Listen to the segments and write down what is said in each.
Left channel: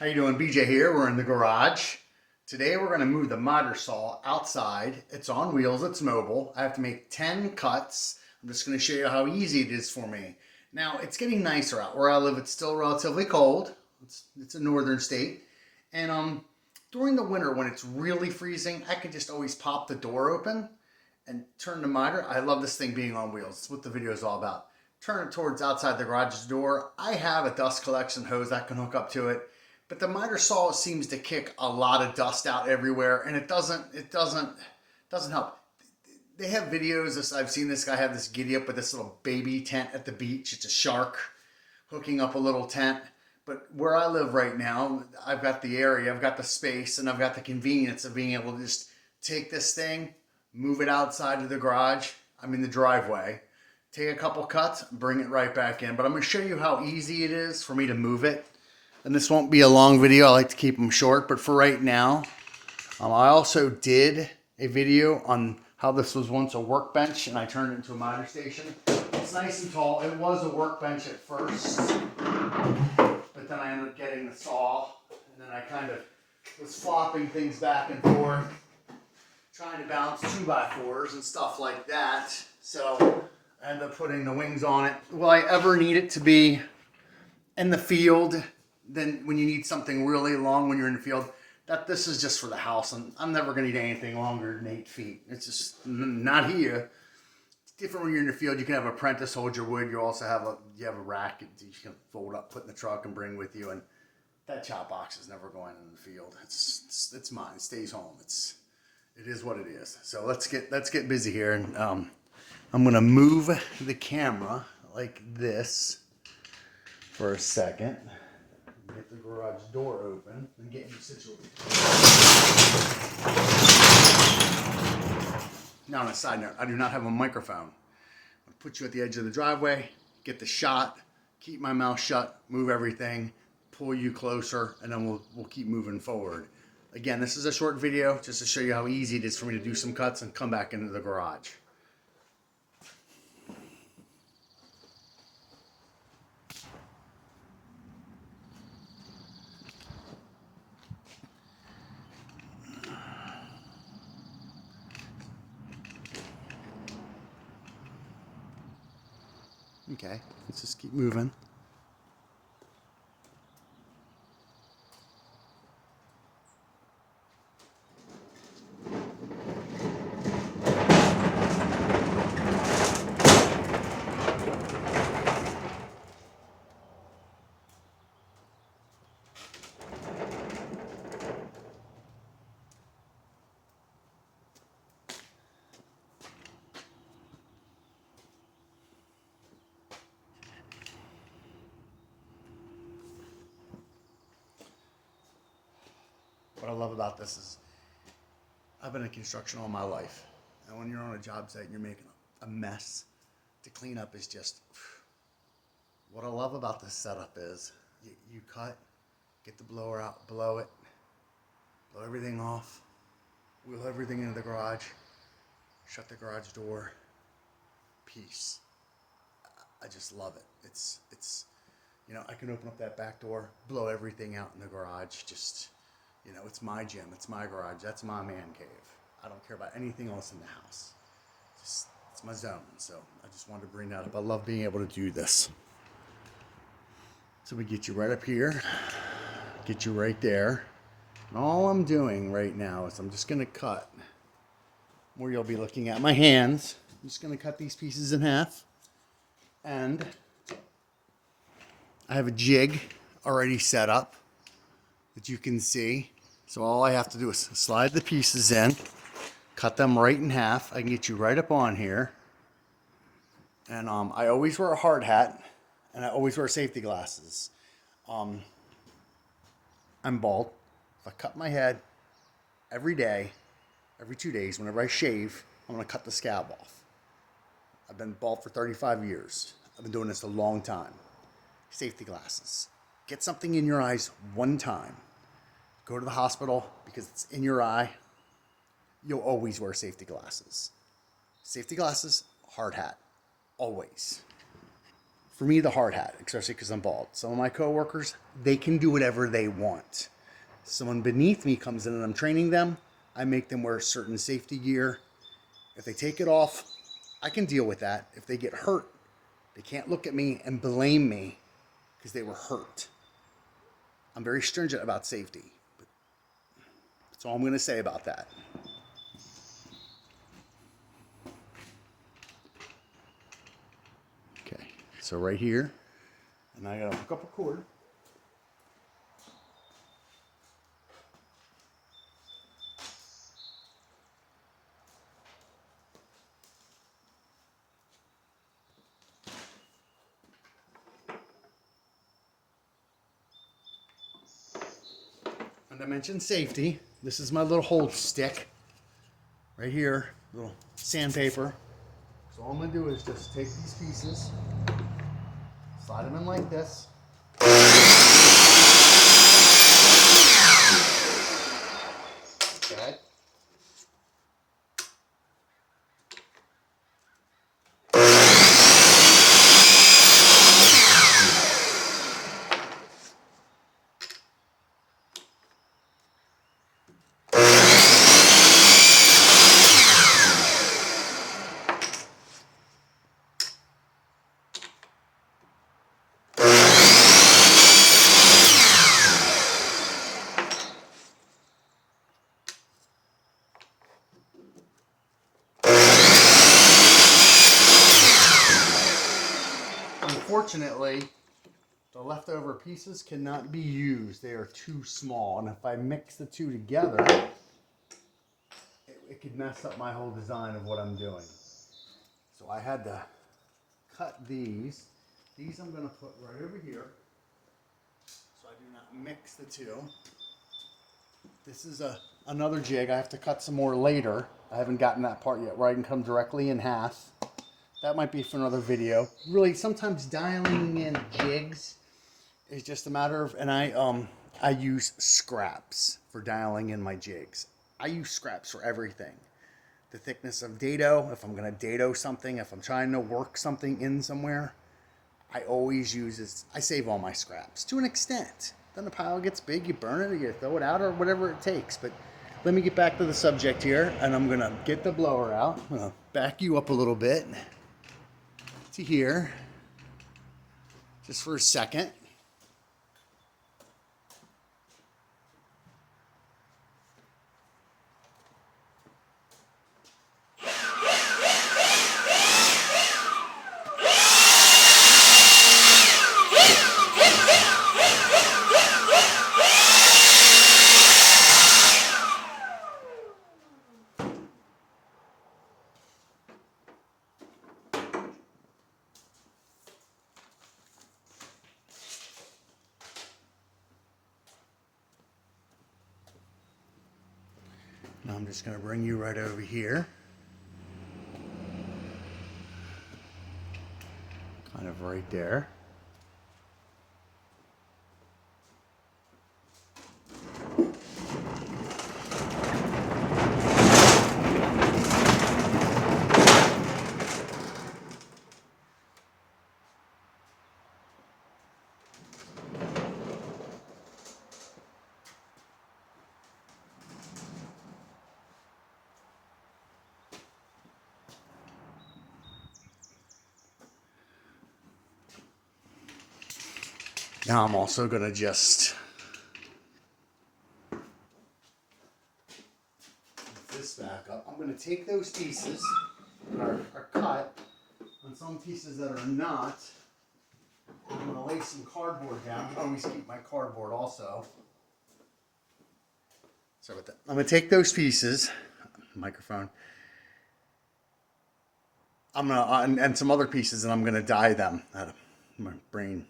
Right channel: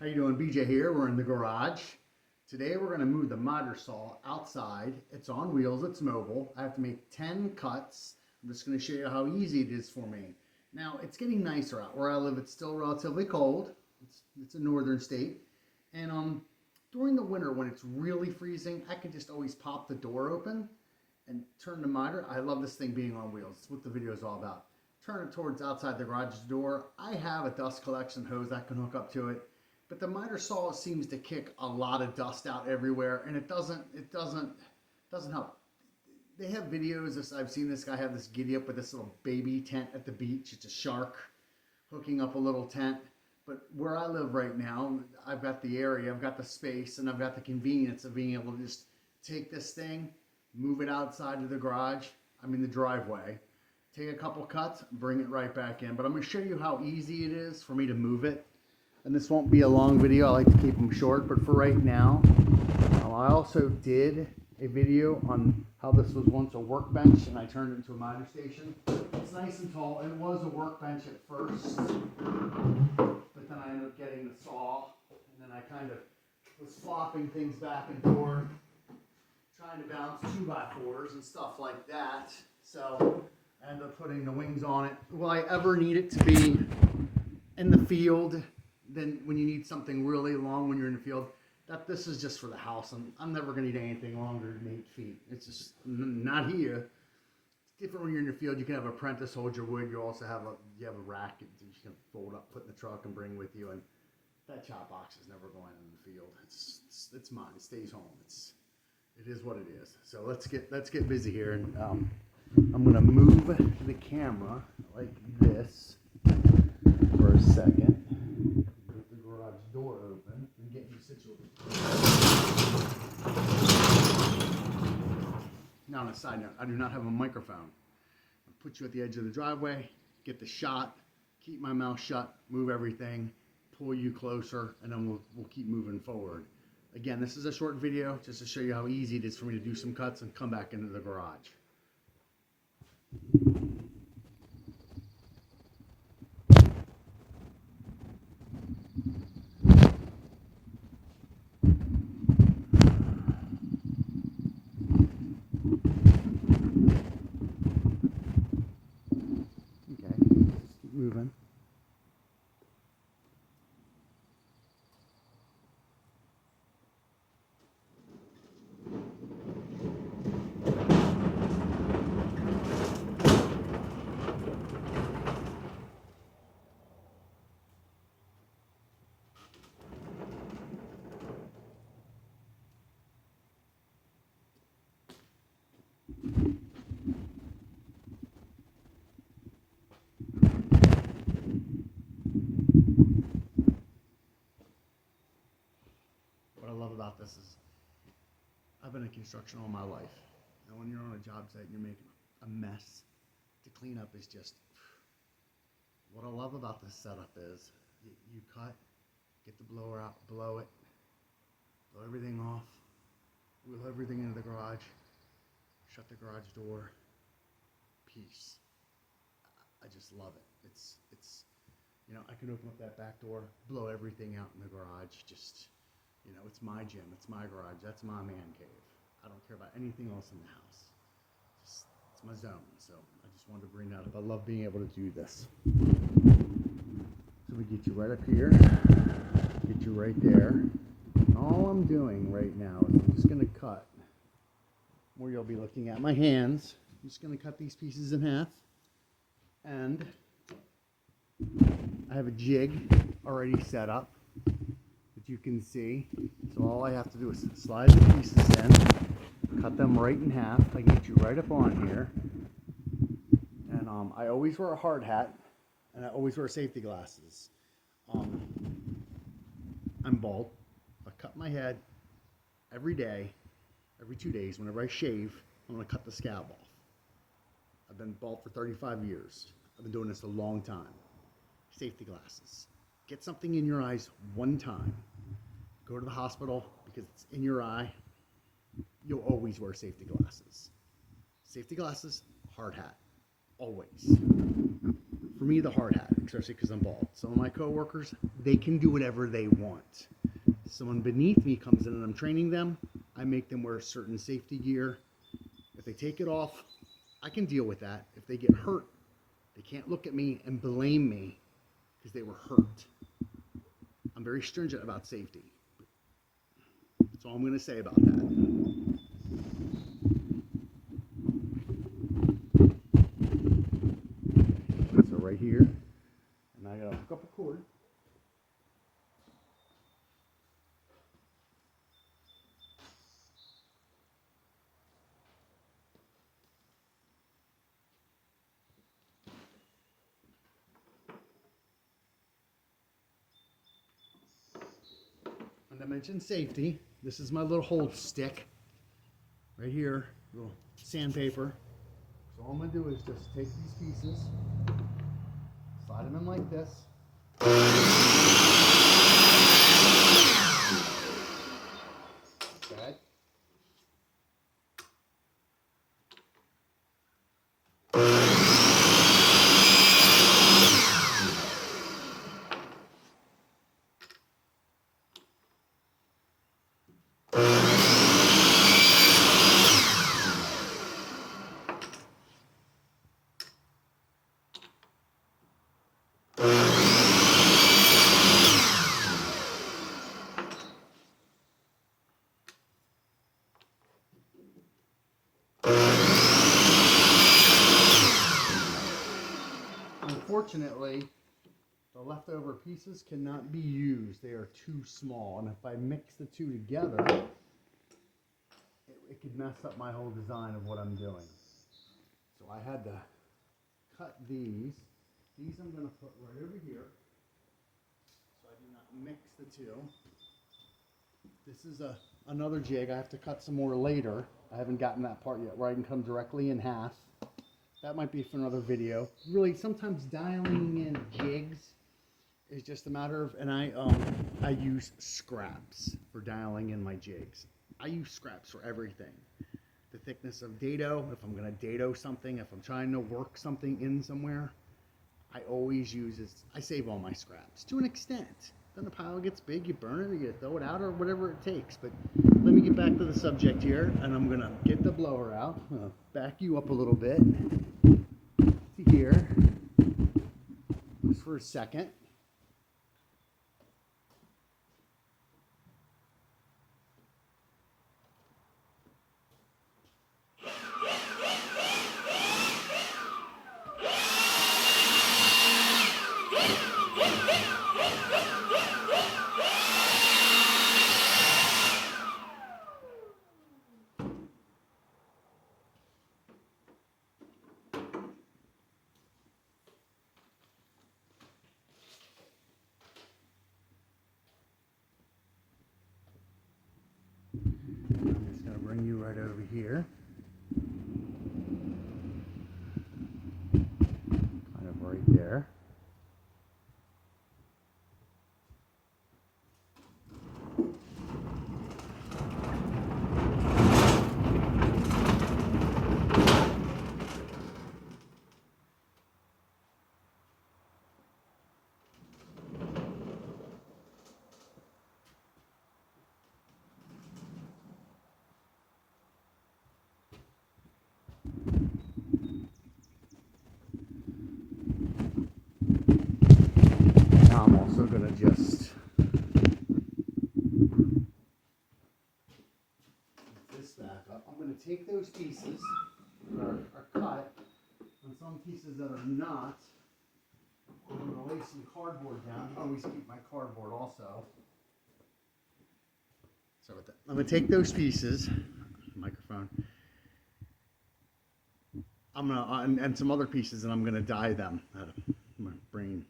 How you doing? BJ here. We're in the garage. Today we're going to move the miter saw outside. It's on wheels. It's mobile. I have to make 10 cuts. I'm just going to show you how easy it is for me. Now, it's getting nicer out. Where I live, it's still relatively cold. It's a northern state. And during the winter when it's really freezing, I can just always pop the door open and turn the miter. I love this thing being on wheels. It's what the video is all about. Turn it towards outside the garage door. I have a dust collection hose that can hook up to it. But the miter saw seems to kick a lot of dust out everywhere, and it doesn't help. They have videos. I've seen this guy have this giddy up with this little baby tent at the beach. It's a shark hooking up a little tent. But where I live right now, I've got the area, I've got the space, and I've got the convenience of being able to just take this thing, move it outside of the garage. I'm in the driveway. Take a couple cuts, bring it right back in. But I'm going to show you how easy it is for me to move it. And this won't be a long video. I like to keep them short, but for right now, I also did a video on how this was once a workbench and I turned it into a miter station. It's nice and tall. It was a workbench at first, but then I ended up getting the saw, and then I kind of was flopping things back and forth, trying to balance 2x4s and stuff like that. So I ended up putting the wings on it. Will I ever need it to be in the field? Then when you need something really long when you're in the field, this is just for the house, and I'm never going to need anything longer than 8 feet. It's just not here. It's different when you're in the field. You can have an apprentice hold your wood. You also have a rack that you can fold up, put in the truck, and bring with you. And that chop box is never going in the field. It's mine. It stays home. It is what it is. So let's get busy here, and I'm gonna move the camera like this for a second. Garage door open and get you situated. Now, on a side note, I do not have a microphone. I'll put you at the edge of the driveway, get the shot, keep my mouth shut, move everything, pull you closer, and then we'll keep moving forward. Again, this is a short video just to show you how easy it is for me to do some cuts and come back into the garage. Okay, let's just keep moving. What I love about this is I've been in construction all my life. And when you're on a job site and you're making a mess, to clean up is just, what I love about this setup is you cut, get the blower out, blow it, blow everything off, wheel everything into the garage, shut the garage door, peace. I just love it. It's I can open up that back door, blow everything out in the garage, just, it's my gym, it's my garage, that's my man cave. I don't care about anything else in the house. It's my zone. So I just wanted to bring that up. I love being able to do this. So we get you right up here, get you right there. And all I'm doing right now is I'm just going to cut where you'll be looking at my hands. I'm just going to cut these pieces in half. And I have a jig already set up that you can see. So all I have to do is slide the pieces in, cut them right in half. I can get you right up on here. And I always wear a hard hat, and I always wear safety glasses. I'm bald. If I cut my head every day, every 2 days, whenever I shave, I'm going to cut the scab off. I've been bald for 35 years. I've been doing this a long time. Safety glasses. Get something in your eyes one time. Go to the hospital because it's in your eye. You'll always wear safety glasses. Safety glasses, hard hat. Always. for me, the hard hat, especially because I'm bald. Some of my coworkers, they can do whatever they want. Someone beneath me comes in and I'm training them. I make them wear certain safety gear. If they take it off, I can deal with that. If they get hurt, they can't look at me and blame me because they were hurt. I'm very stringent about safety. That's all I'm going to say about that. Okay, so right here, and I got to hook up a cord. And I mentioned safety. This is my little hold stick right here, little sandpaper. So all I'm gonna do is just take these pieces, slide them in like this. Okay. Unfortunately, the leftover pieces cannot be used. They are too small. And if I mix the two together, it could mess up my whole design of what I'm doing. So I had to cut these. These I'm going to put right over here, so I do not mix the two. This is another jig. I have to cut some more later. I haven't gotten that part yet where I can come directly in half. That might be for another video. Really, sometimes dialing in jigs is just a matter of, and I use scraps for dialing in my jigs. I use scraps for everything. The thickness of dado, if I'm going to dado something, if I'm trying to work something in somewhere, I always use this. I save all my scraps to an extent. Then the pile gets big, you burn it, or you throw it out, or whatever it takes. But let me get back to the subject here, and I'm going to get the blower out. I'm going to back you up a little bit to here, just for a second. I'm just going to bring you right over here. Kind of right there. Now I'm also going to just put this back up. I'm going to take those pieces that are cut on some pieces that are not. I'm going to lay some cardboard down. I always keep my cardboard also. Sorry about that. I'm going to take those pieces, microphone. I'm going to, and some other pieces, and I'm going to dye them out of my brain.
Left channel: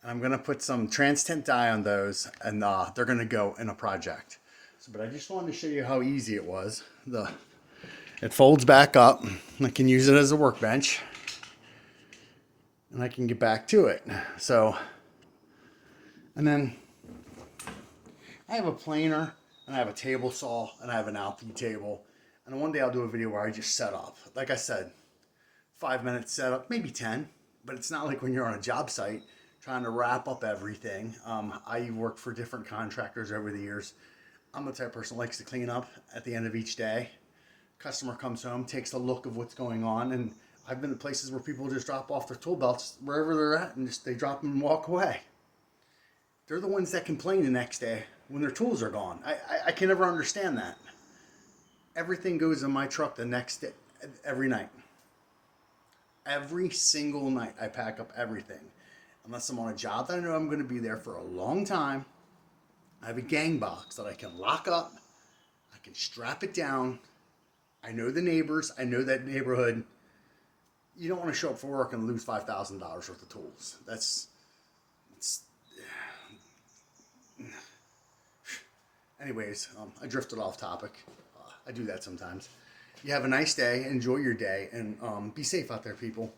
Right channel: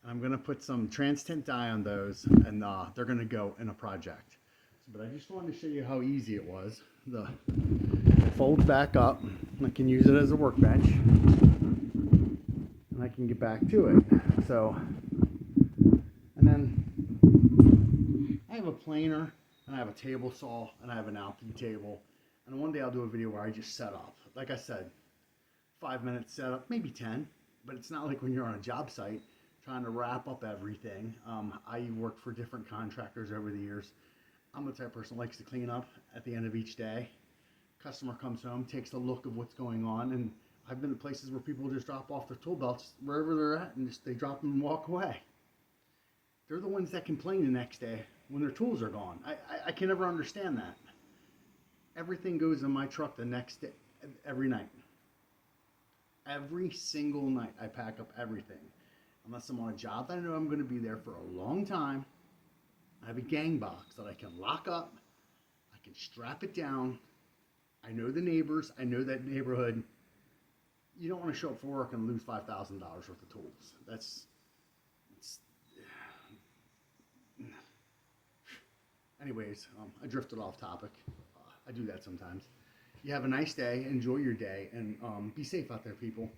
And I'm going to put some Trans-Tint dye on those, and they're going to go in a project. So, but I just wanted to show you how easy it was. It folds back up. I can use it as a workbench. And I can get back to it. So, and then I have a planer, and I have a table saw, and I have an Alpi table. And one day I'll do a video where I just set up. Like I said, 5 minutes setup, maybe 10. but it's not like when you're on a job site trying to wrap up everything. I worked for different contractors over the years. I'm the type of person who likes to clean up at the end of each day. Customer comes home, takes a look of what's going on, and I've been to places where people just drop off their tool belts wherever they're at and just they drop them and walk away. They're the ones that complain the next day when their tools are gone. I can never understand that. Everything goes in my truck the next day, every night. Every single night I pack up everything. Unless I'm on a job that I know I'm going to be there for a long time, I have a gang box that I can lock up. I can strap it down. I know the neighbors. I know that neighborhood. You don't want to show up for work and lose $5,000 worth of tools. That's anyways, I drifted off topic. I do that sometimes. You have a nice day. Enjoy your day. And be safe out there, people.